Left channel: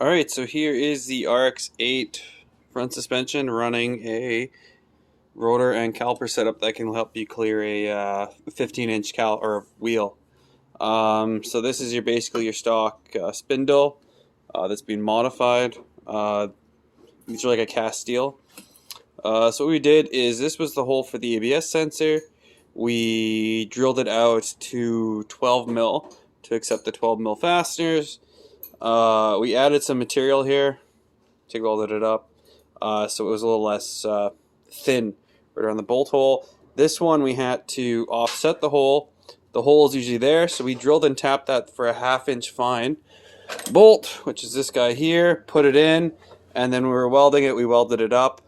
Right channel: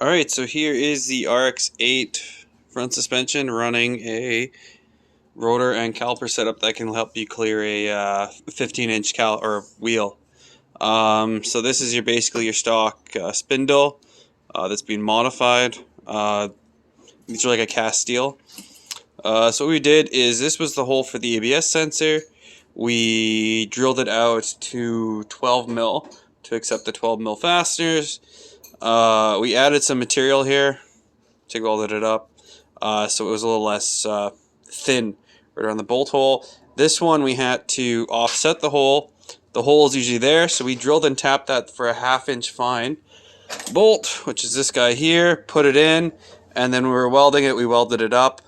Alright, so here is the RX8 front suspension running a rotor and caliper setup that can help you clear a 15-inch wheel. So this is basically your stock spindle that's been modified. These are like a cast steel. So what we did is, this was the hole for the ABS sensor. We drilled it out to 12 mil to accept the 12 mil fasteners. We added some material here to weld it up, so it was a little less thin right around the bolt hole. This one we had to offset the hole. The hole is usually there, so we drilled and tapped that for a 1/2 inch fine bolt, which is this guy here, put it in, and then when we were welding it, we welded it up.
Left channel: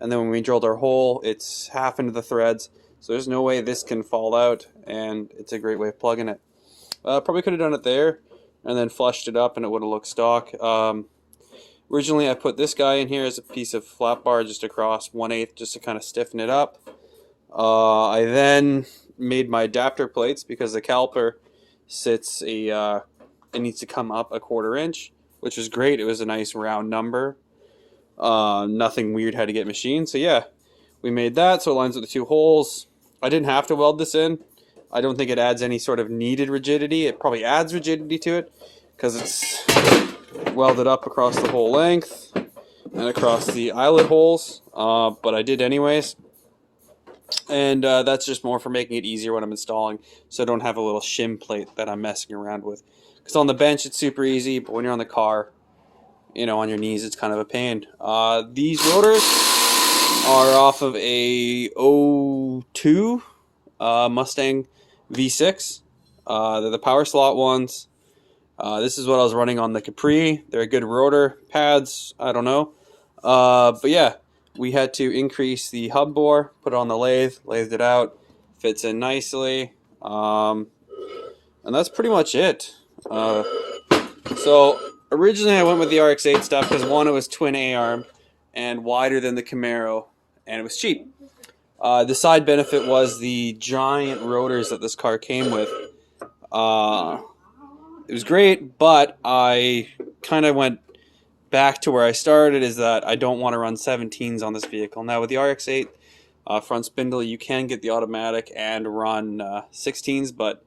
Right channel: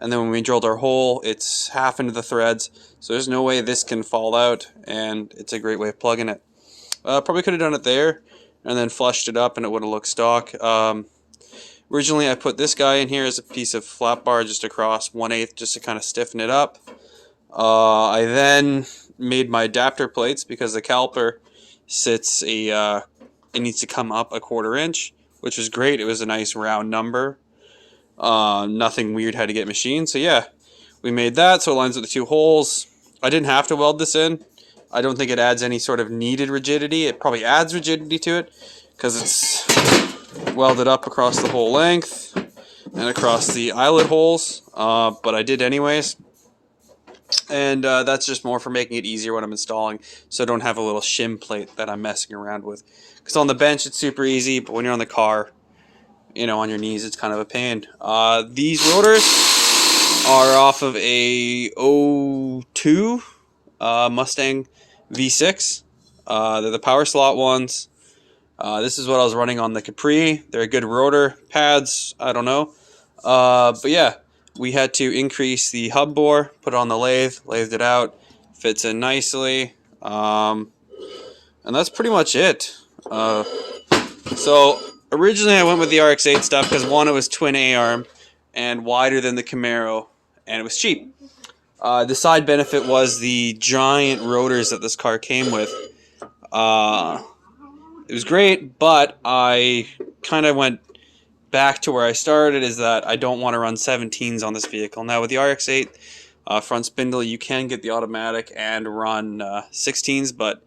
And then when we drilled our hole, it's half into the threads, so there's no way this can fall out, and it's a great way of plugging it. Probably could have done it there and then flushed it up and it would have looked stock. Originally I put this guy in here as a piece of flat bar just across 1/8 just to kind of stiffen it up. I then made my adapter plates because the caliper sits it needs to come up a 1/4 inch, which was great. It was a nice round number. Nothing weird had to get machined. So yeah, we made that so it lines with the 2 holes. I didn't have to weld this in. I don't think it adds any sort of needed rigidity. It probably adds rigidity to it because it's welded up across the whole length and across the eyelet holes, but I did anyways. And that's just more for making it easier when I'm installing, so I don't have a little shim plate that I'm messing around with. Because on the bench it's super easy, but when you're on the car, you know, on your knees, it's kind of a pain. These rotors are off of a 02 Mustang V6. They're the power slot ones. This is what I was running on the Capri. They're good rotor pads. I don't know. But yeah, we had to increase the hub bore, put it on the lathed it out, fits in nicely. And that's pretty much it. So originally I went with the RX8 stuff because, one, it was twin A-arm and wider than the Camaro, and it was cheap. The side benefit was the giant rotors that this car came with. It was great, but I kind of went back to where I started, is that I don't want to run 17s on this vehicle. Now with the RX8 front spindle, you can get the automatic and run 16s, but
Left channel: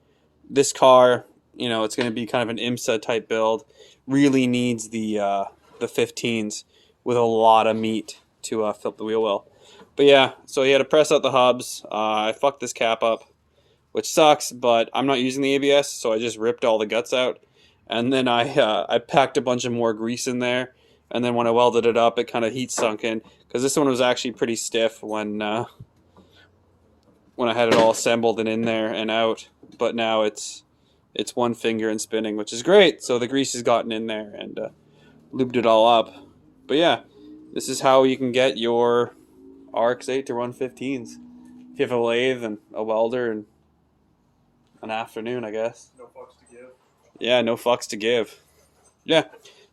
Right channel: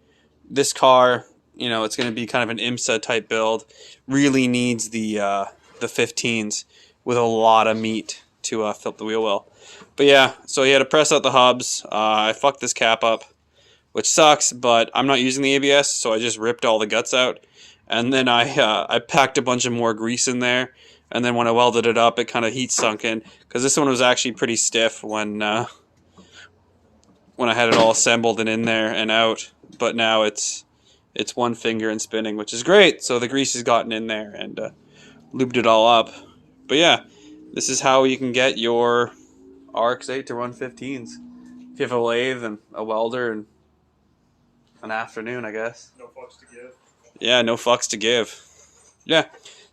this car, you know, it's going to be kind of an IMSA type build. Really needs the 15s with a lot of meat to fill the wheel well. But yeah, so you had to press out the hubs. I fucked this cap up, which sucks, but I'm not using the ABS, so I just ripped all the guts out. And then I packed a bunch of more grease in there, and then when I welded it up, it kind of heat sunk in, because this one was actually pretty stiff when I had it all assembled and in there and out. But now it's one finger and spinning, which is great. So the grease has gotten in there and lubed it all up. But yeah, this is how you can get your RX8 to run 15s. If you have a lathe and a welder and an afternoon, I guess. No fucks to give. Yeah, no fucks to give. Yeah.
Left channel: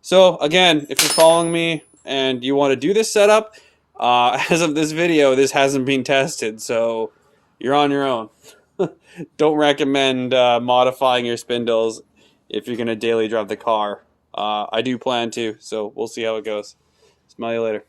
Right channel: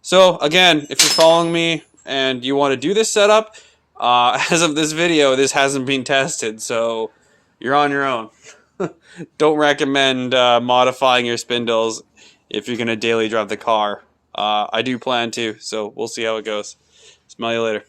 So again, if you're following me and you want to do this setup, as of this video, this hasn't been tested, so you're on your own. Don't recommend modifying your spindles if you're going to daily drive the car. I do plan to, so we'll see how it goes. Smell you later.